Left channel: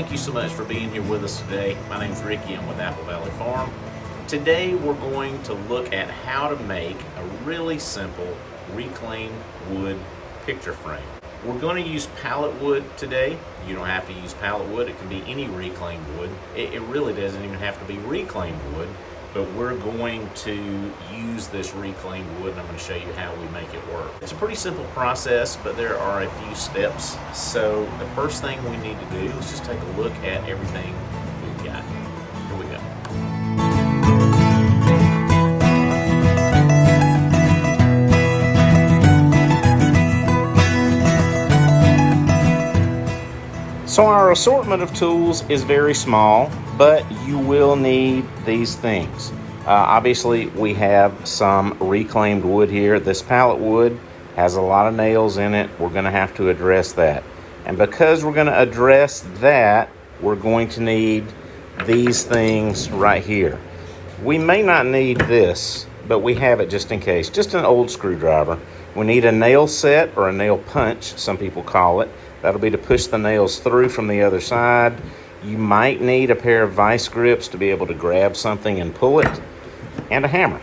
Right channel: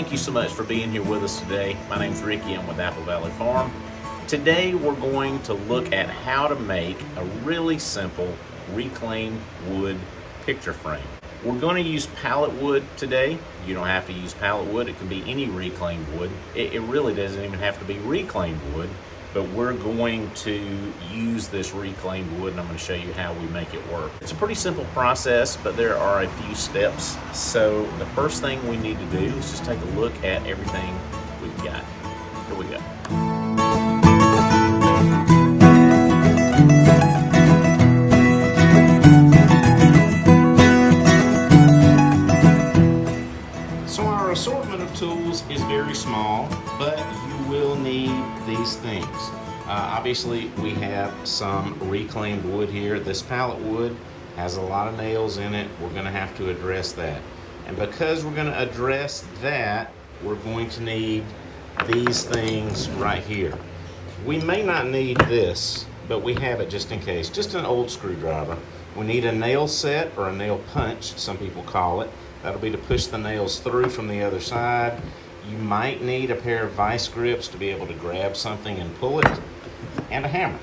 thank you so much for being here with us today. My name's Ricky, I'm with Apple Valley Farm. Today we're going to look at how to make a really simple reclaimed wood picture frame. We're going to use pallet wood today. You don't have to use pallet wood, it can be any reclaimed wood. It really doesn't even have to be reclaimed wood, but we're going to use this reclaimed wood and I'm going to show you how we make it work. It's a pretty simple process, but there are a few steps. So the first thing we need to do is just take a look at everything we've got. Here we go. So our assortment of tools is very small, but you will need these things. Obviously, we have some reclaimed wood here. This pallet wood has a lot of nails in it. We're going to have to address that. And because we're going to address that, we're going to need these things right here. We may not need this, but we have it just in case. Just an old screwdriver. We need a nail set or a nail punch, some people call it. That'll be to push the nails through from the other side. You might need a pair of vice grips to be able to grab something and pull it, and a hammer.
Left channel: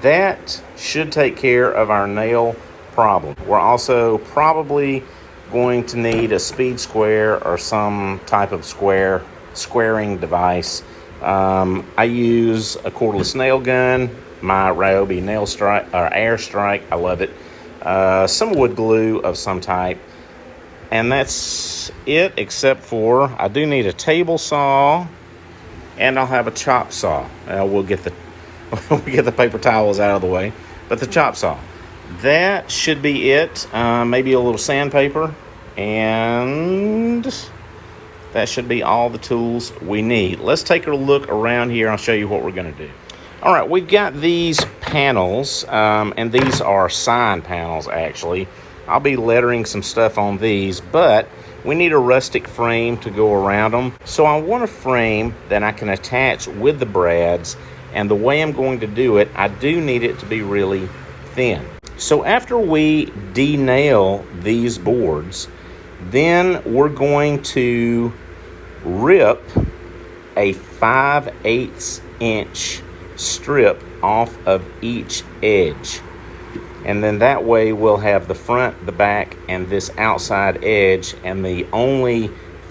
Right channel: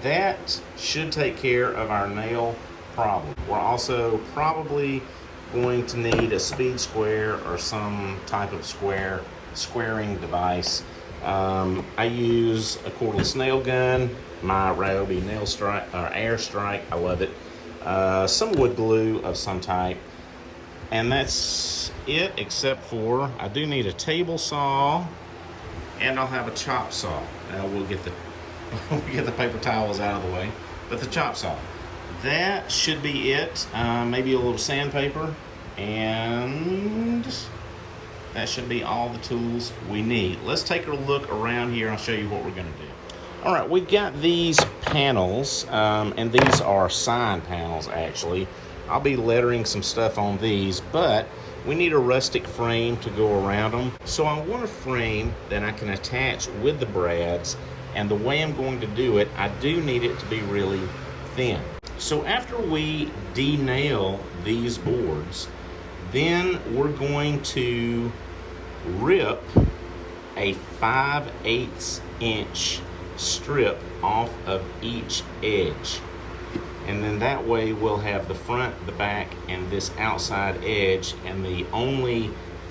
That should take care of our nail problem. We're also probably going to need a speed square or some type of squaring device. I use a cordless nail gun, my Ryobi nail strike or air strike. I love it. Some wood glue of some type. And that's it, except for I do need a table saw, and I'll have a chop saw. We'll get the paper towels out of the way, but the chop saw. That should be it. Maybe a little sandpaper, and that should be all the tools we need. Let's take a look around here. I'll show you what we're gonna do. All right, we've got these panels, and these are sign panels actually. I'll be lettering some stuff on these, but we need a rustic frame to go around them. So I want a frame that I can attach with the brads, and the way I'm going to do it, I do need it to be really thin. So after we de-nail these boards, then we're going to rip a 5/8 inch strip off of each edge. And then that way we'll have the front, the back, and this outside edge, and the only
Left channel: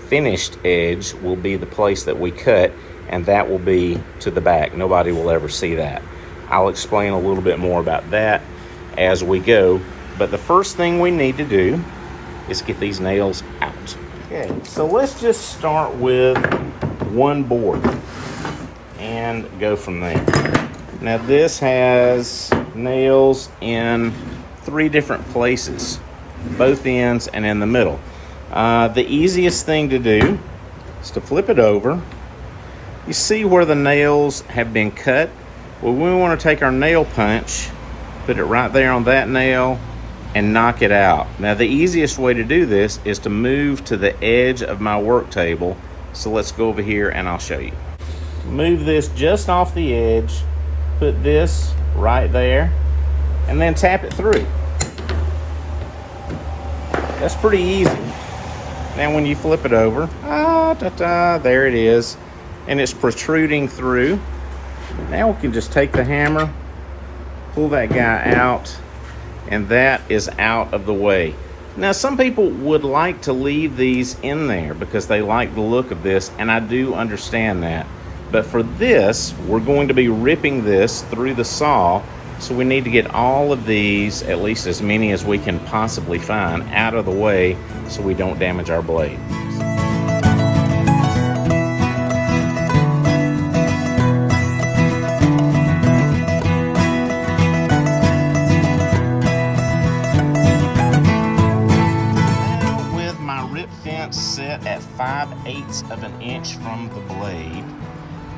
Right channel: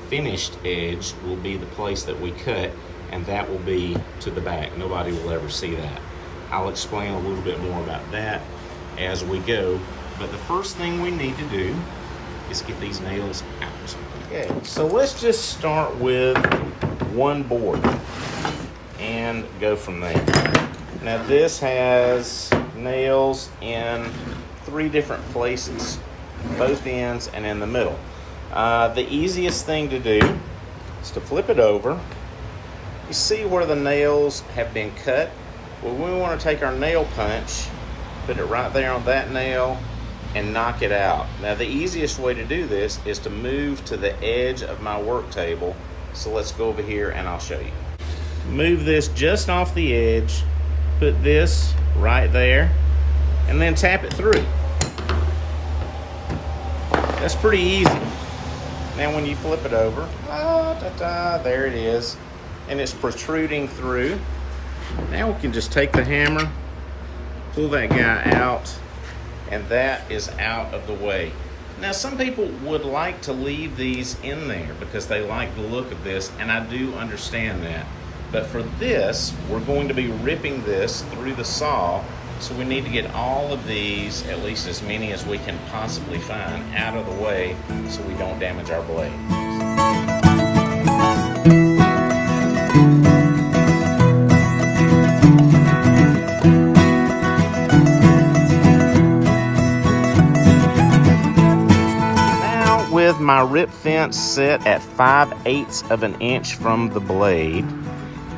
finished edge will be the place that we cut, and that will be to the back. Nobody will ever see that. I'll explain a little bit more about that as we go, but the first thing we need to do is get these nails out. Yeah, so let's just start with one board and go from there. Now this has nails in 3 different places, both ends and in the middle. The easiest thing to do is to flip it over. You see where the nails have been cut? Well, we want to take our nail punch, put it right there on that nail, and knock it out. Now the easiest way to do this is to move to the edge of my work table. So let's go over here and I'll show you. Move this just off the edge, put this right there, and then tap it through. That's pretty easy. Then when you flip it over, there it is, and it's protruding through. Now we can just take the hammer, pull that guy out, and that is out of the way. Now some people would like to leave these in there because they like the look of this, and I do understand that. But for this, we're going to be ripping this through the saw, so we need to get all of these, at least as many as we can possibly find, out of the way so we don't damage our blade. Now with my rip fence set at 5/8 of an inch from the blade,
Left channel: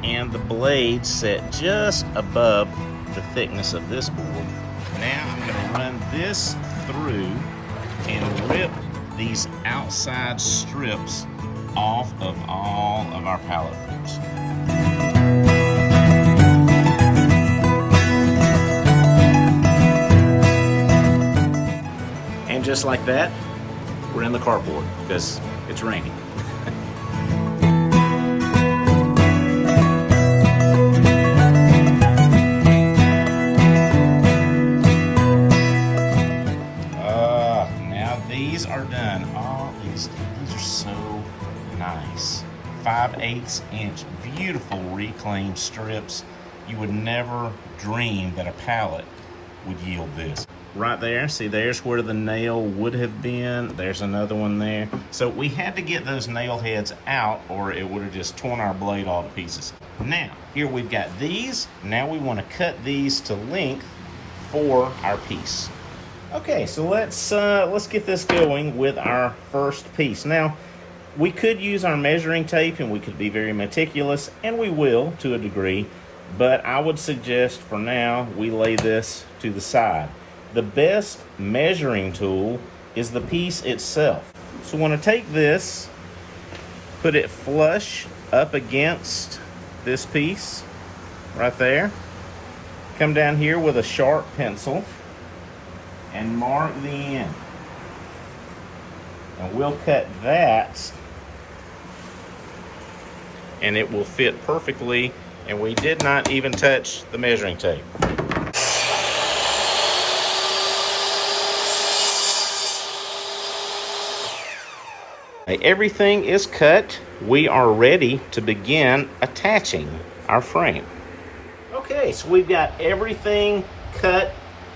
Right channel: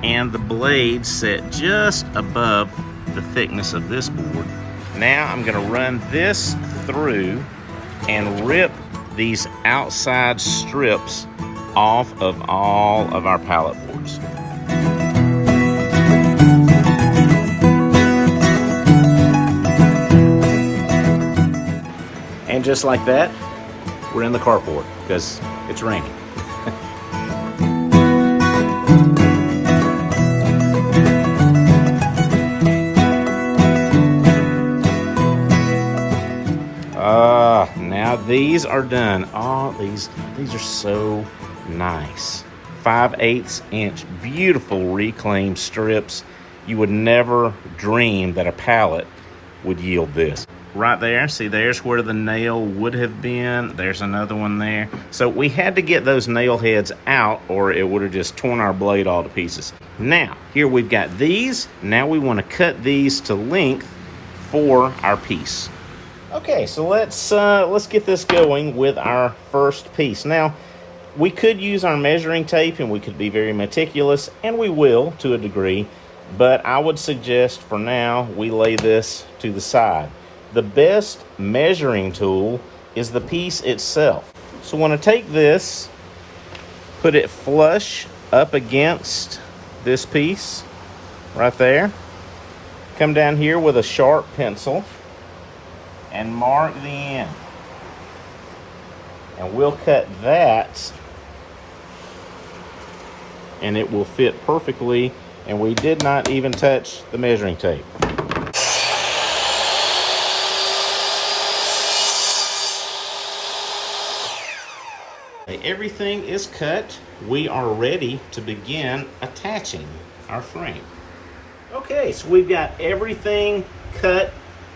and the blade set just above the thickness of this board. Now I'm gonna run this through and rip these outside strips off of all of our pallet boards. And just like that, we're in the carport because it's raining. these are done. Oh, these are so nice. 5/8 inch, beautiful reclaimed strips. You would never dream that a pallet would yield this. Right there, see, there's where the nail would have been. There's another one there. So we had to get those nail heads out or it would have just torn our blade all to pieces. Now, here we've got these. Now we want to cut these to length for our piece. Okay, so let's get this going with our first piece. Now, we could use our measuring tape and we could be very meticulous, and we will to a degree, but I would suggest for now we lay this to the side. The best measuring tool is the piece itself. So I want to take this, put it flush up against this piece right there. Come down here with a sharp pencil and mark the end. And we'll cut that and it will fit perfectly, and we did not even touch the measuring tape. Everything is cut. We are ready to begin attaching our frame. Okay, so we've got everything cut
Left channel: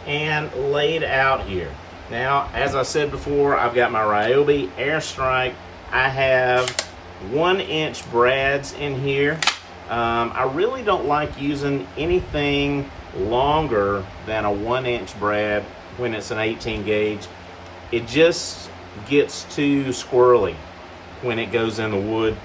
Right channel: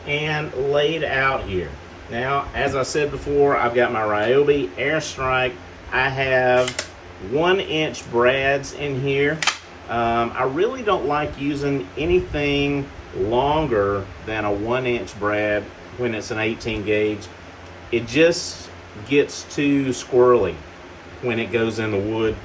and laid out here. Now, as I said before, I've got my Ryobi Airstrike. I have 1-inch brads in here. I really don't like using anything longer than a 1-inch brad when it's an 18 gauge. It just gets too squirrely when it goes in the wood.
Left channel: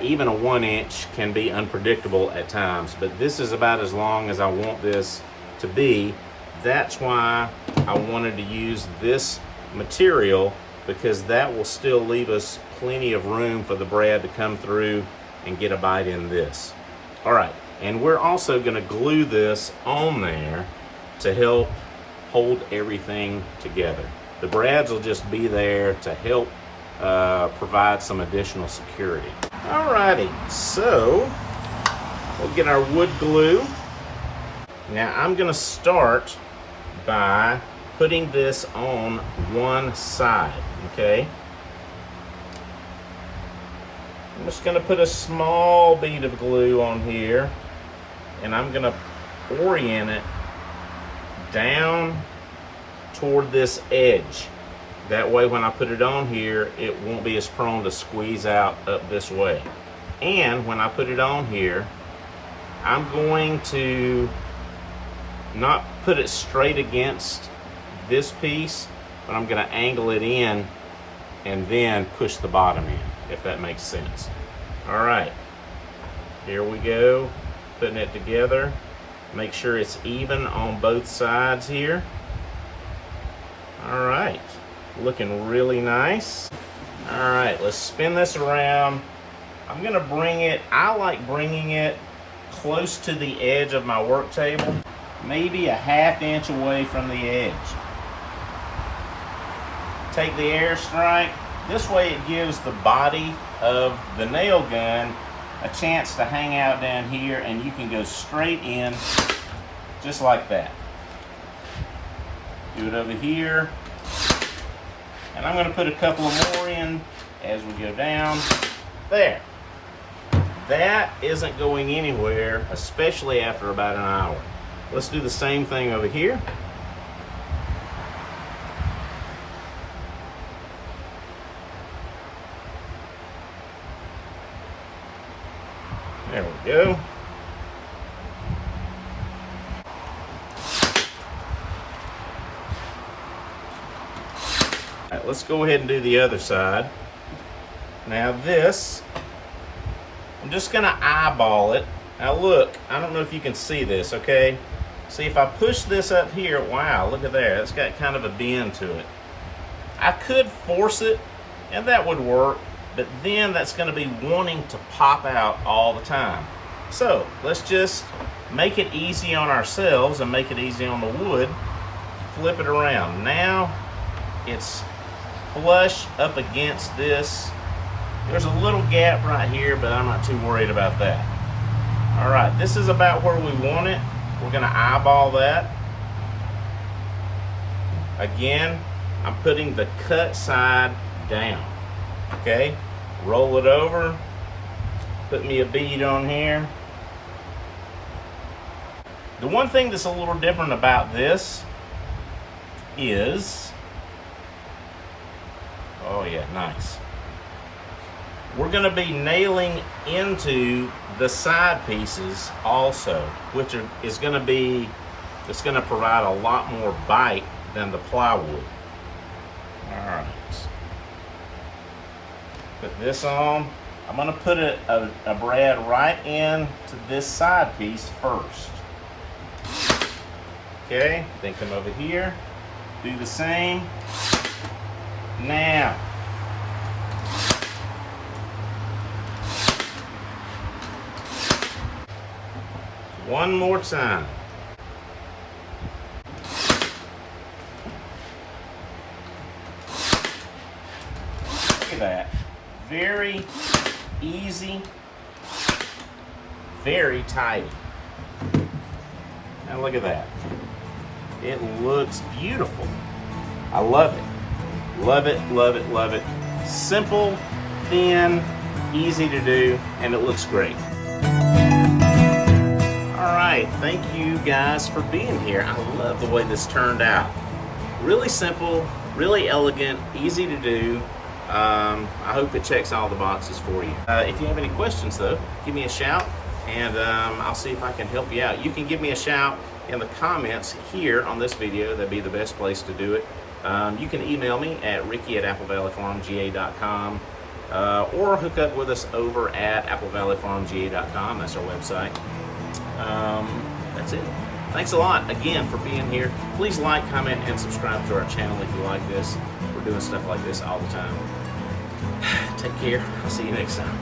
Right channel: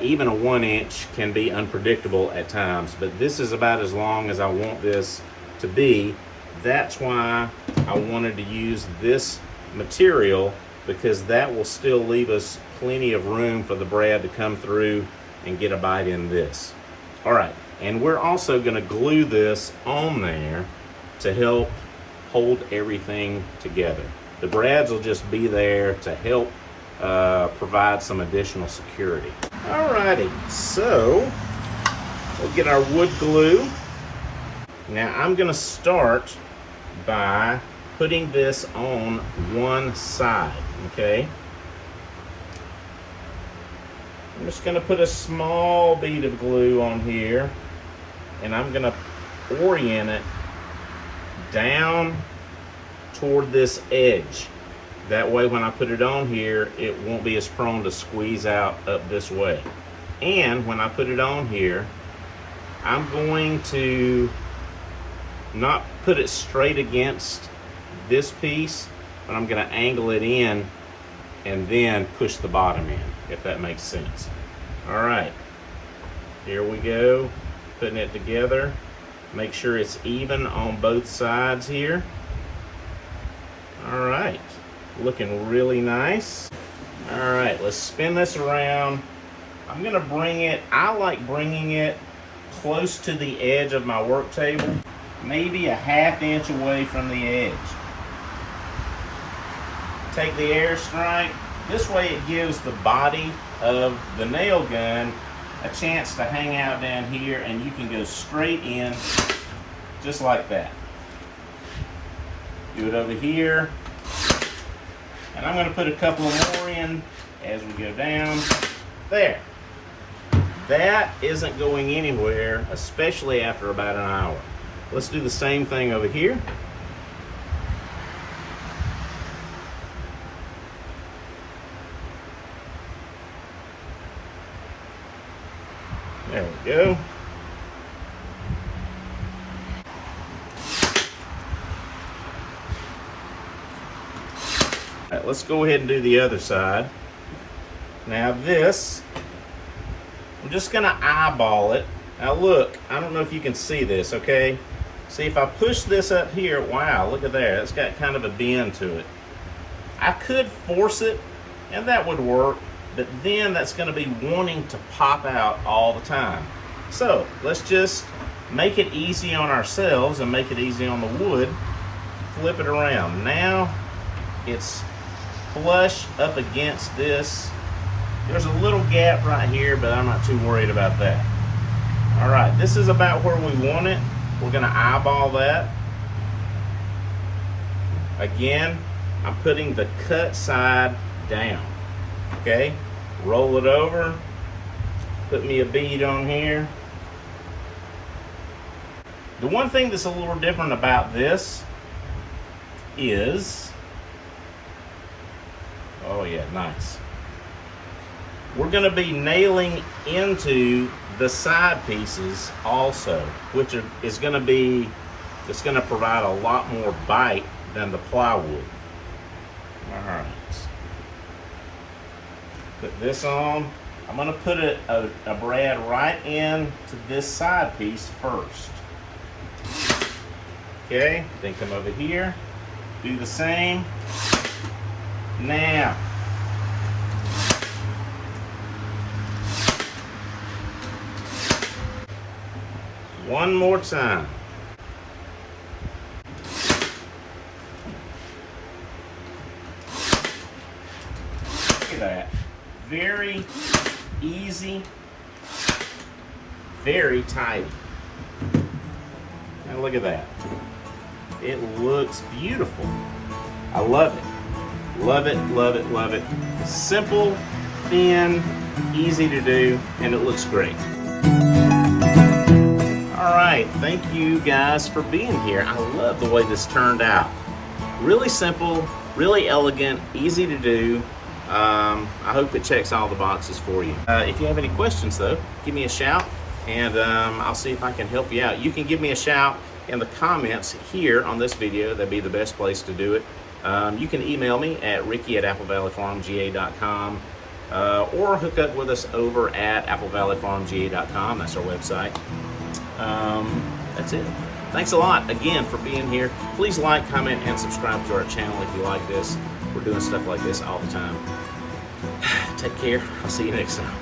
Even a 1-inch can be unpredictable at times, but this is about as long as I want this to be. That's why I wanted to use this material, because that will still leave us plenty of room for the brad to come through and get a bite in this. All right, and we're also gonna glue this on there to help hold everything together. The brads will just be there to help provide some additional security. Alrighty, so we'll get our wood glue. Now I'm gonna start by putting this on one side, okay? I'm just gonna put a small bead of glue on here, and I'm gonna orient it down toward this edge. That way when I put it on here, it won't be as prone to squeeze out up this way. And when I put it on here, I'm going to not put it straight against this piece, but I'm gonna angle it in and then push the bottom in, if that makes sense. All right, here we go, putting it together. Make sure it's even on both sides here. All right, looking really nice. All right, let's spin this around. I'm gonna bring it, I like bringing it close to the edge of my work table, maybe a 1/2 inch away from the edge. Take the Airstrike. This way it gives the body of the nail gun a chance to hang out down here, and you can go straight in just like that. Do it over here. And I'm gonna put a couple more in as we go down. There. That isn't going anywhere, especially after about an hour. Let's do the same thing over here. There we go. All right, let's go ahead and do the other side. Now this, I'm just gonna eyeball it. Now look, I don't know if you can see this, okay? See, if I push this up here, wow, look at that. It's got kind of a bend to it. I could force it, and that would work, but then that's gonna be wanting to pop out all the time. So let's just make it easy on ourselves and make it easy on the wood. Flip it around. Now it's flush up against this. There's a little gap right here, but I'm not too worried about that. All right, this is about where we want it. We're gonna eyeball that. Again, I'm putting the cut side down. Okay, roll it over, put me a bead on here. The one thing that's a little different about this is, oh yeah, nice. We're gonna be nailing into the side pieces also, which is gonna be, it's gonna provide a lot more bite than the plywood. All right, put this on. I'm gonna put a brad right in to this side piece first. Okay, then come over here, do the same. Now, one more time. Look at that. Very easy, very tidy. Now look at that. It looks beautiful. I love it. Love it, love it, love it. Simple, thin, easy to do, and it looks great. All right, thank you guys for being here. I love the way this turned out. Really simple, really elegant, easy to do. I hope it checks all the boxes for you. If you have any questions though, give me a shout and I'll see if I can help you out. You can give me a shout in the comments here on this video. That'd be the best place to do it. You can email me at ricky@applevalleyfarmga.com or hook up with us over at applevalleyfarmga.com. That's our website. That's it. Thanks a lot again for being here. Please like, comment, and subscribe to our channel if you like this. We're doing stuff like this all the time. Take care. I'll see you next time.